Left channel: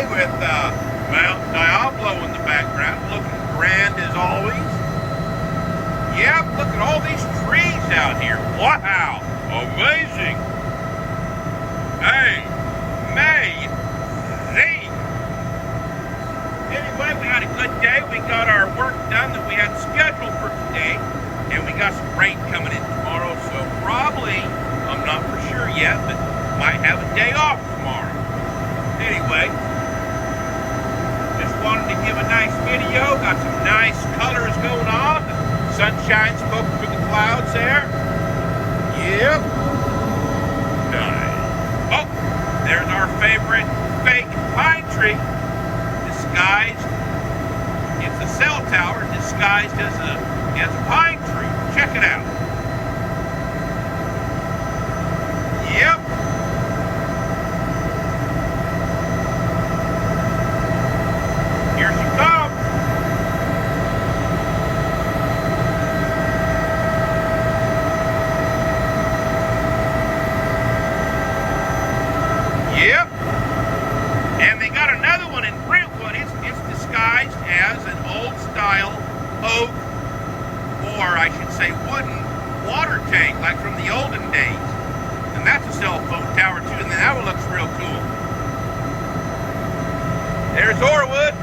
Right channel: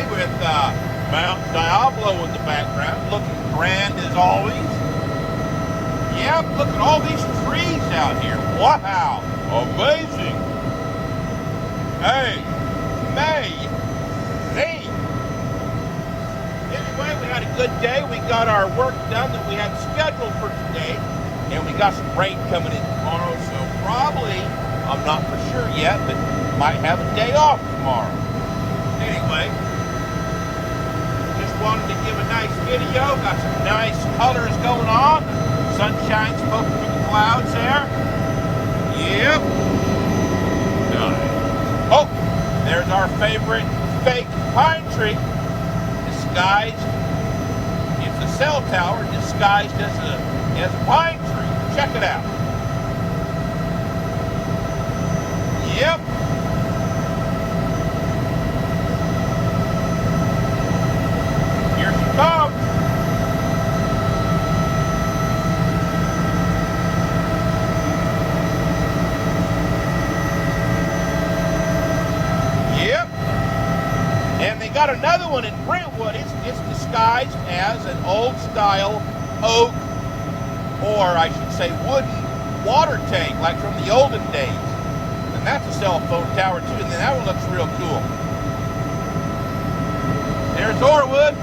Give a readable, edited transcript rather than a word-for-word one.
today with Mount Diablo in the background, looking grand as always. Yep, look at all these trees out here. Wow, amazing. Hey, amazing. Anyway, we had a good day. We got our work done that we had scheduled for today, and we got some rain coming in tomorrow, so probably, I'm not for sure yet, but might have a day off tomorrow. Anyway, just wanted to give a nice video. Got some nice colors going on. Sunshine's poking through the clouds there. Yep. Nice. Oh, there's our favorite fake pine tree. Disguised. It's a cell tower disguised as a pine tree. Check it out. Yep. Here she comes. Yep. And they got another one in Brentwood. It's disguised as an old style oak, or I should say wooden, water tank, like from the olden days. And that's a cell phone tower too, and then that one looks real cool. There's Orwood.